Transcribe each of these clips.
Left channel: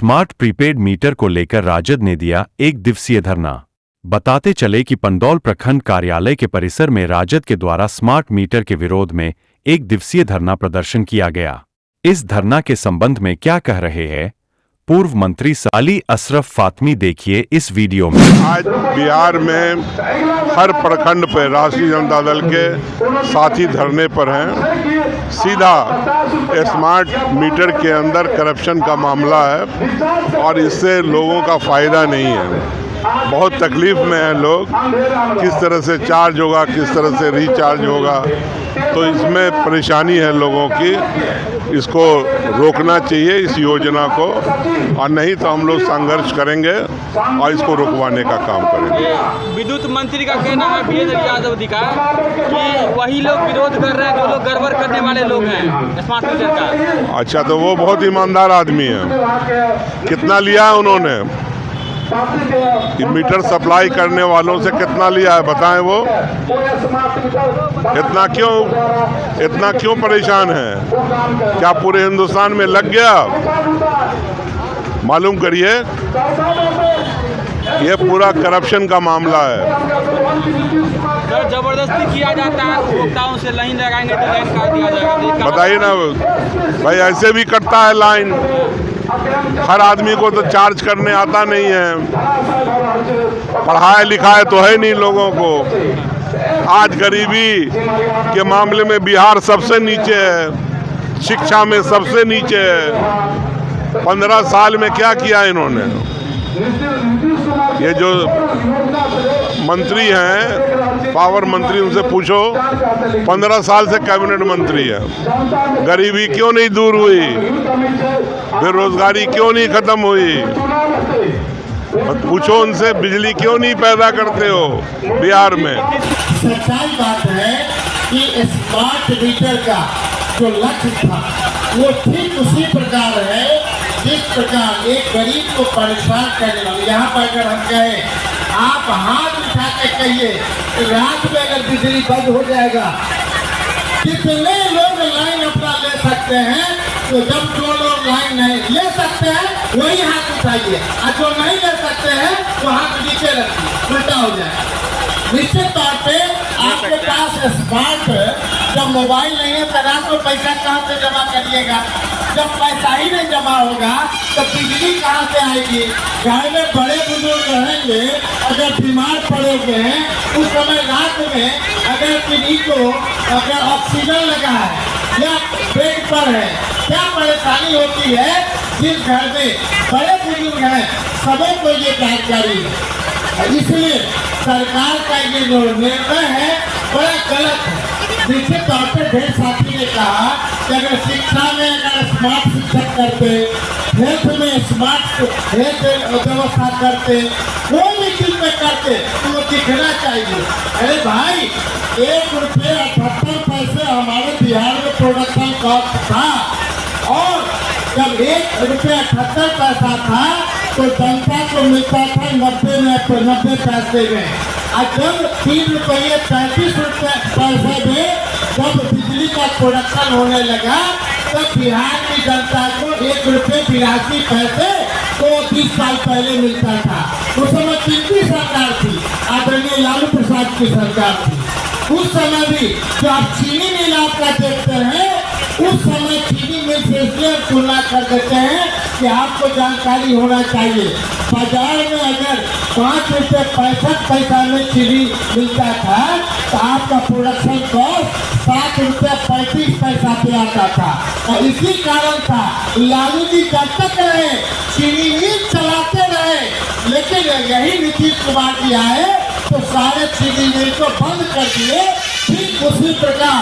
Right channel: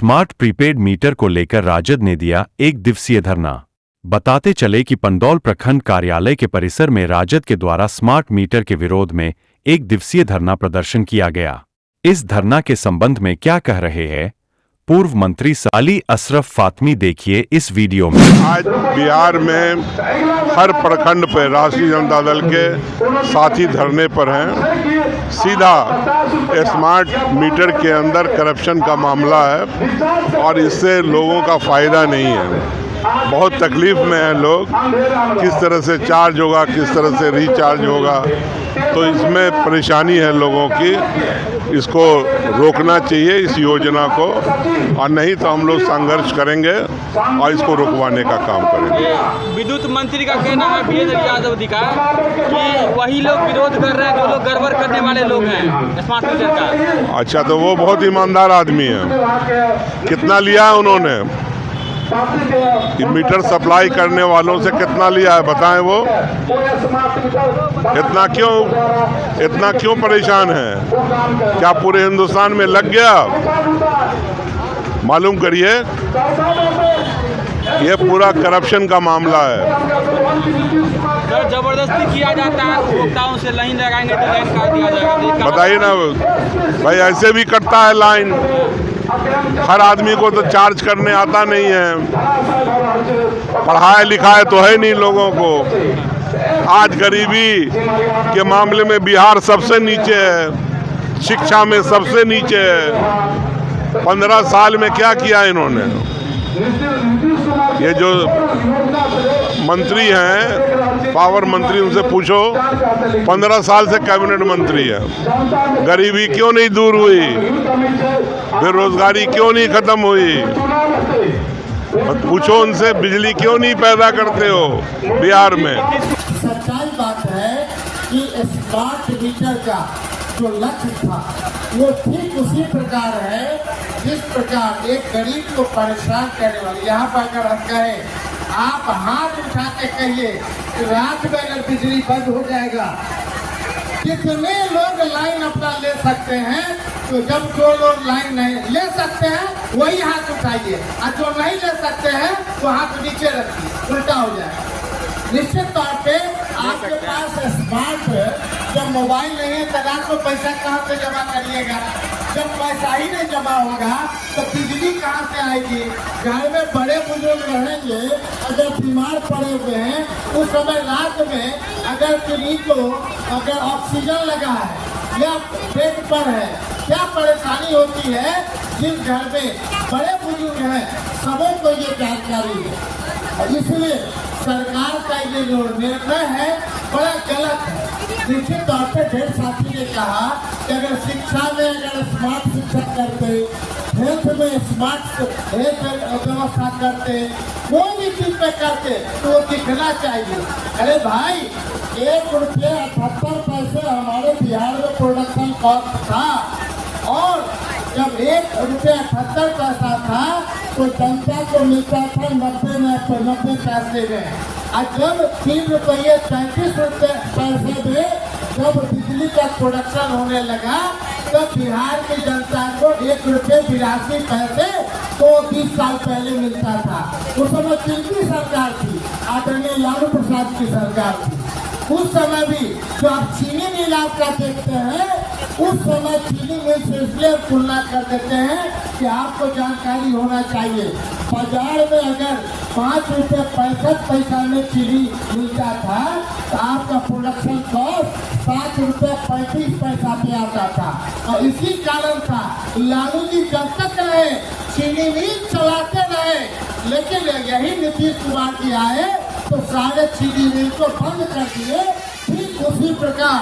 Smart prepaid meter को लेकर राजद ने दिया एक दिवसीय धरना। बताते चले कि पंडौल प्रखंड कार्यालय के परिसर में राजद के द्वारा स्मार्ट मीटर के विरोध में एक दिवसीय धरना प्रदर्शन किया गया। इस धरना के संबंध में क्या कह रहे हैं पूर्व मंत्री अली अशरफ फातमी, देखिए इस वीडियो में। आज बिहार में हर प्रखंड पर राष्ट्रीय जनता दल के साथी धरने पर हैं। सीधा स्मार्ट मीटर के अंदर करप्शन का मामला है और इससे लोगों का फायदा नहीं है। बहुत तकलीफ में हैं लोग, किस तरह से चार्ज होगा, किस तरह से रिचार्ज होगा, तो इसमें परेशानी है लोगों की। इसको रोकना चाहिए इस योजना को, और नहीं तो हम लोग संघर्ष करेंगे और इसको रुकवाने का काम करेंगे। विद्युत मंत्री का कहना है वीरेंद्र यादव जी का कि वही लोग विरोध कर रहे हैं जो लोग गड़बड़ करने वाले लोग हैं स्मार्ट मीटर का। अच्छा, तो वो बहुत ईमानदार आदमी है। कितना लिया है उन्होंने मीटर सप्लाई करने वालों से, कितना लिया है बताएं वो? इतना क्यों परेशान है? क्या पूरे हिंदुस्तान में लग गया? मालूम करिए, ये पूरा करप्शन का मामला है। सर, जबरदस्ती किया जाता है, उपभोक्ताओं से लाइन लगाएंगे तो लाइन काट दिया जाएगा। बताइए ना भाई, ऐसे भी कटता है लाइन। हर आदमी को तो चार्ज करने आता नहीं है, पढ़ाया लिखाया तो है नहीं लोगों को। आज गरीबी के मामले में बिहार सबसे नीचे है, शिक्षा में सबसे नीचे है। 15 साल में क्या किया इन्होंने? ये जो मंत्री हैं, पावर मंत्री, उनसे पूछो, 15 साल से कैबिनेट मंत्री है। गरीबी क्यों नहीं दूर हुई? बेरोजगारी क्यों नहीं खत्म हुई? पूछो उनसे, बिजली क्यों नहीं पैदा करते हो बिहार में? सच्चाई बात है कि स्मार्ट मीटर का जो लक्ष्य था वो ठीक उसी प्रकार है जिस प्रकार एक गरीब को परेशान करने वाले। यहाँ पर अगर हम कहें, आप हाथ उठा के कहिए रात में अगर बिजली बंद हो जाएगा, कितने लोग लाइन अपना ले सकते हैं? तो जब जो लोग लाइन नहीं ले सकते हैं वही हाथ उठाइए, और जो नहीं ले सकते हैं वो हाथ नीचे रखिए, उल्टा हो जाए। निश्चित तौर पे आपके पास स्मार्ट, जब मोबाइल नहीं है तो रात को पैसा कहाँ से जमा करिएगा? जब पैसा ही नहीं जमा होगा तो बिजली कहाँ से आएगी? घर में बड़े बुजुर्ग रहेंगे, अगर बीमार पड़े हुए हैं, उस समय रात में अगर किसी को अगर ऑक्सीजन लगा है या बेड पर है, क्या परेशानी होती है? जिस घर में बड़े बुजुर्ग हैं सबों को ये जानकारी है। इसलिए सरकार का ये जो निर्णय है बड़ा गलत है। निश्चित तौर पर ढेर साथी ने कहा कि अगर शिक्षा में अगर स्मार्ट शिक्षक करते, हेल्थ में स्मार्ट हेल्थ व्यवस्था करते, कोई भी चीज में करते तो वो दिखना चाहिए। अरे भाई, ₹1.78 हमारे बिहार में प्रोडक्शन कॉस्ट था, और जब ₹1.78 था तो जनता को मिलता था 90 पैसे में। और जब ₹3.33 में जब बिजली का प्रोडक्शन होने लगा तब बिहार की जनता को ₹1.82 तो 20 साल पहले मिलता था। उस समय किनकी सरकार थी? आदरणीय लालू प्रसाद की सरकार थी। उस समय भी जो आप चीनी मिल आपका देखते हैं, उस समय चीनी मिल से इसलिए तुलना कर देते हैं कि आपको जानकारी होना चाहिए। बाजार में अगर ₹5.65 में चीनी मिलता था तो आपका प्रोडक्शन कॉस्ट ₹7.35 पे आता था। और इसी कारण था लालू जी जब तक रहे चीनी मिल चलाते रहे, लेकिन यही नीतीश कुमार जी आए तो सारे चीनी मिल को बंद कर दिए। ठीक उसी प्रकार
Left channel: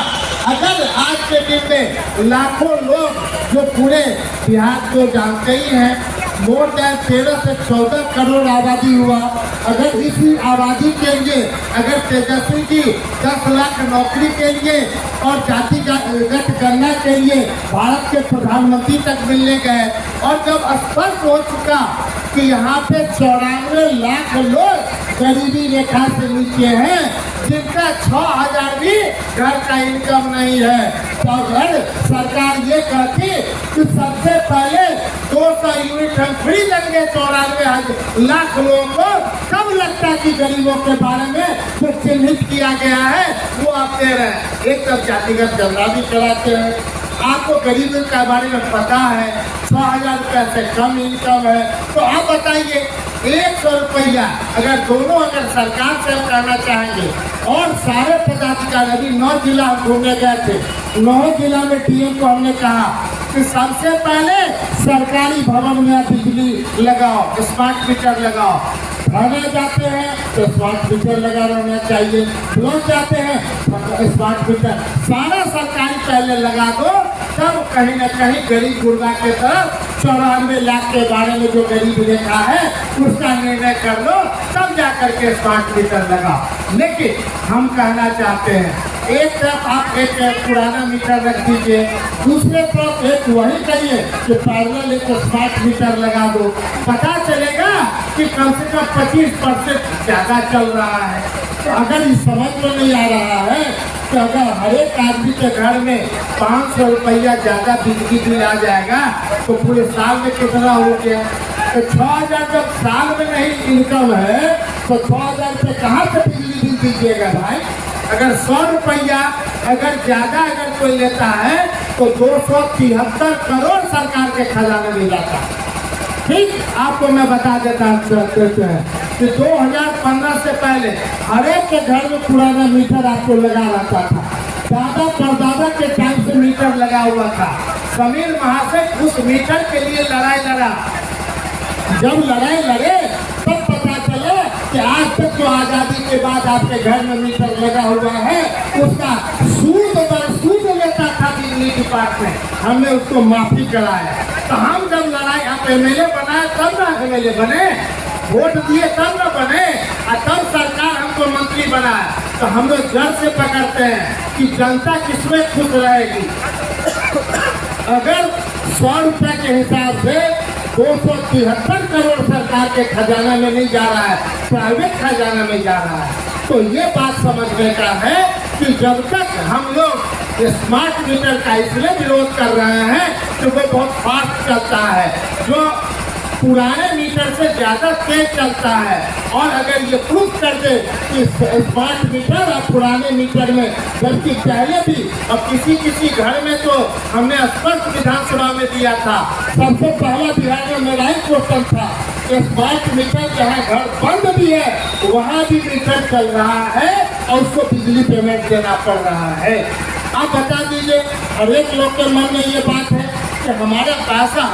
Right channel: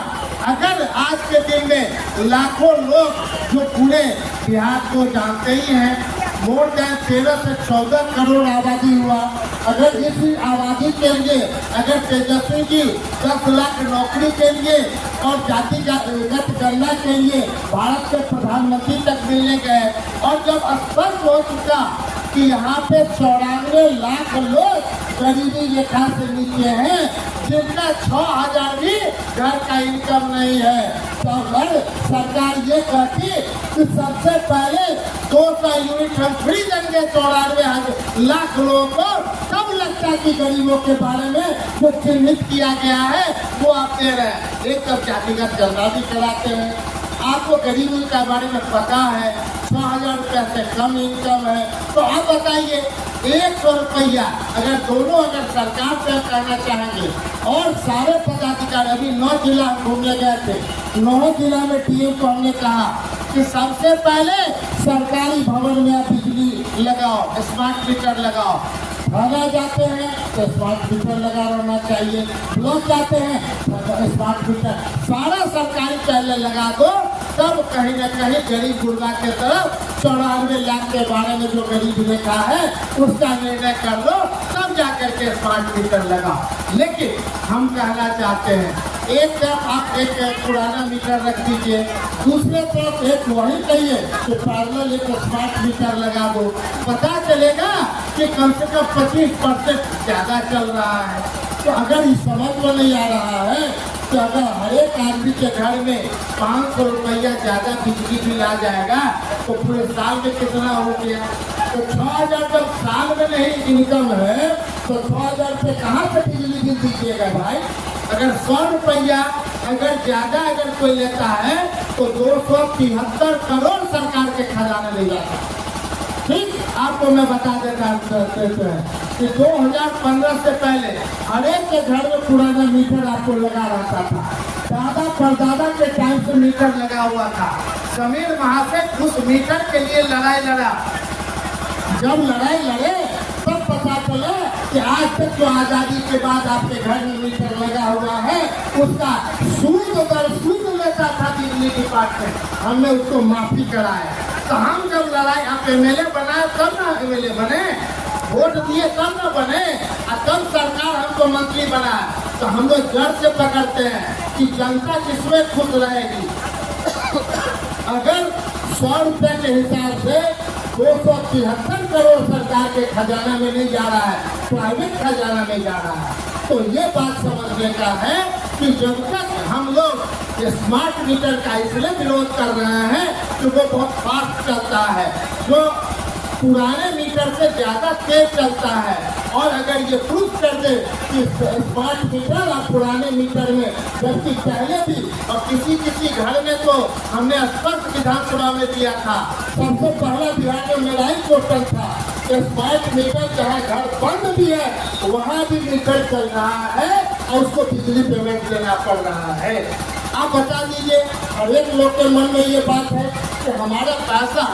अगर आज के दिन में लाखों लोग जो पूरे बिहार को जानते ही हैं, मोर देन 13 से 14 करोड़ आबादी हुआ। अगर इसी आबादी के लिए अगर तेजस्वी जी 10 लाख नौकरी के लिए और जातिगत गणना के लिए भारत के प्रधानमंत्री तक मिलने गए, और जब स्पष्ट हो चुका कि यहाँ पे 94 लाख लोग गरीबी रेखा से नीचे हैं, जिनका 6,000 भी घर का इनकम नहीं है, तो अगर सरकार ये कहती कि सबसे पहले 200 यूनिट हम फ्री लाख लोगों को कब लगता है कि गरीबों के बारे में जो चिन्हित किया गया है वो आप दे रहे हैं। एक तरफ जातिगत गणना भी कराते हैं, आपको गरीबों के बारे में पता है 6,000 रुपया से कम इनकम है, तो आप बताइए 100 रुपया अगर सरकार से करना चाहेंगे और सारे पदाधिकारी, अभी 9 जिला हम घूमने गए थे, 9 जिला में डीएम को हमने कहा कि सबसे पहले सरकारी भवन में बिजली लगाओ, स्मार्ट मीटर लगाओ। थाना जाते हैं तो स्मार्ट मीटर लगा रहना चाहिए, ब्लॉक जाते हैं तो स्मार्ट मीटर, सारा सरकारी पहले लगा दो, तब कहीं न कहीं गरीब गुरबा के तरफ 94 लाख के बारे में जो गरीब रेखा है उसका निर्णय कर लो, तब जाकर के स्मार्ट मीटर लगाओ। लेकिन हम कहना चाहते हैं एक तरफ आप एक पुराना मीटर रख दीजिए, दूसरे तरफ एक वही कहिए कि पैरेलल एक स्मार्ट मीटर लगा दो, पता चलेगा कि कम से कम 25% ज़्यादा चल रहा है। तो अगर इस समझ में नहीं आ रहा है कि अगर हर एक आदमी के घर में 500 रुपया ज़्यादा बिजली बिल आ जाएगा तो पूरे साल में कितना हो गया। तो 6,000 जब साल में नहीं इनकम है तो 6,000 रुपये कहाँ से बिजली बिल दीजिएगा भाई। अगर 100 रुपया अगर ज़्यादा अगर कोई लेता है तो 273 करोड़ सरकार के खजाने में जाता है। ठीक, आपको मैं बता देता हैं कि 2015 से पहले हर एक के घर में पुराना मीटर आपको लगा रहता था, दादा परदादा के टाइम से मीटर लगा हुआ था। समीर महाशय उस मीटर के लिए लड़ाई लड़ा, जब लड़ाई लड़े तब पता चला कि आज तक जो आज़ादी के बाद आपके घर में मीटर लगा हुआ है उसका सूद दर सूद लेता था बिजली डिपार्टमेंट, हमने उसको माफी कराया। तो हम जब लड़ाई, आप एमएलए बनाए तब ना एमएलए बने, वोट दिए तब ना बने, और तब सरकार हमको मंत्री बनाए। तो हम लोग जड़ से पकड़ते हैं कि जनता किसमें खुश रहेगी। अगर 100 रुपये के हिसाब से 273 करोड़ सरकार के खजाना में नहीं जा रहा है, प्राइवेट खजाना में जा रहा है, तो ये बात समझने का है कि जब तक हम लोग स्मार्ट मीटर का इसलिए विरोध कर रहे हैं कि वो बहुत फास्ट चलता है, जो पुराने मीटर से ज़्यादा तेज चलता है। और अगर ये प्रूफ कर दे कि स्मार्ट मीटर और पुराने मीटर में, जबकि पहले भी और किसी घर में तो हमने स्पष्ट विधानसभा में दिया था, सबसे पहला बिहार में मेरा ही क्वेश्चन था, स्मार्ट मीटर जहाँ घर बंद भी है वहाँ भी मीटर चल रहा है और उसको बिजली पेमेंट देना पड़ रहा है। आप बता दीजिए, हर एक लोग के मन में ये बात है कि हमारा पैसा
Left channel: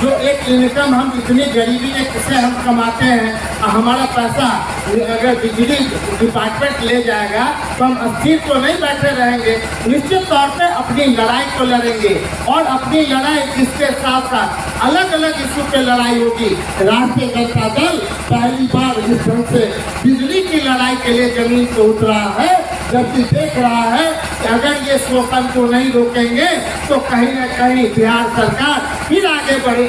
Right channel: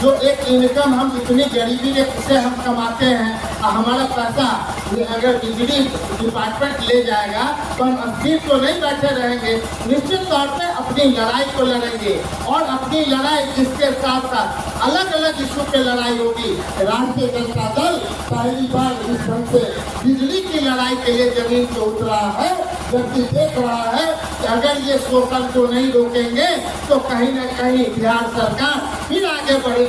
जो एक इनकम हम इतनी गरीबी से हम कमाते हैं, हमारा पैसा अगर बिजली डिपार्टमेंट ले जाएगा तो हम अस्थिर तो नहीं बैठे रहेंगे, निश्चित तौर पे अपनी लड़ाई को लड़ेंगे। और अपनी लड़ाई इसके साथ साथ अलग अलग इशू पे लड़ाई होगी। राष्ट्रीय जनता दल पहली बार इस ढंग से बिजली की लड़ाई के लिए जमीन पे उतरा है, जबकि देख रहा है कि अगर ये शोषण को नहीं रोकेंगे तो कहीं न कहीं बिहार सरकार फिर आगे बढ़ेगी।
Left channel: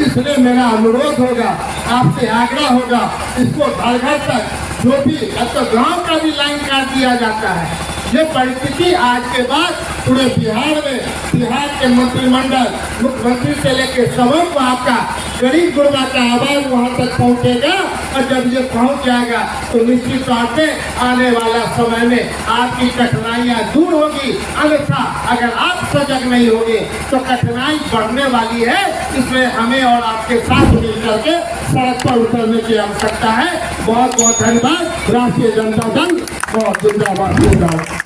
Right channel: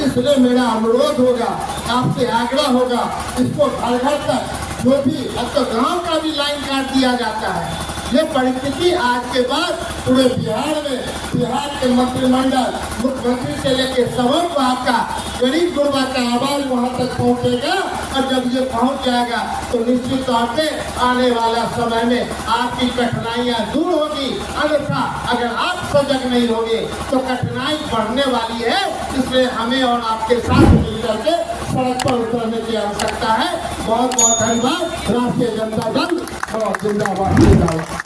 इसलिए मेरा अनुरोध होगा, आपसे आग्रह होगा, इसको घर घर तक जो भी, अब तो गांव का भी लाइन काट दिया जाता है। ये परिस्थिति आज के बाद पूरे बिहार में, बिहार के मंत्रिमंडल, मुख्यमंत्री से लेकर सबक आपका गरीब गुरबा का आवाज वहाँ तक पहुँचेगा। और जब ये पहुँच जाएगा तो निश्चित तौर से आने वाला समय में आपकी कठिनाइयाँ दूर होगी। अन्यथा अगर आप सजग नहीं होंगे तो कठिनाई बढ़ने वाली है। इसलिए हमें और आपके साथ मिलकर के सड़क पर उतरने की आवश्यकता है। बहुत बहुत धन्यवाद। राष्ट्रीय जनता दल बहुत जिंदाबाद।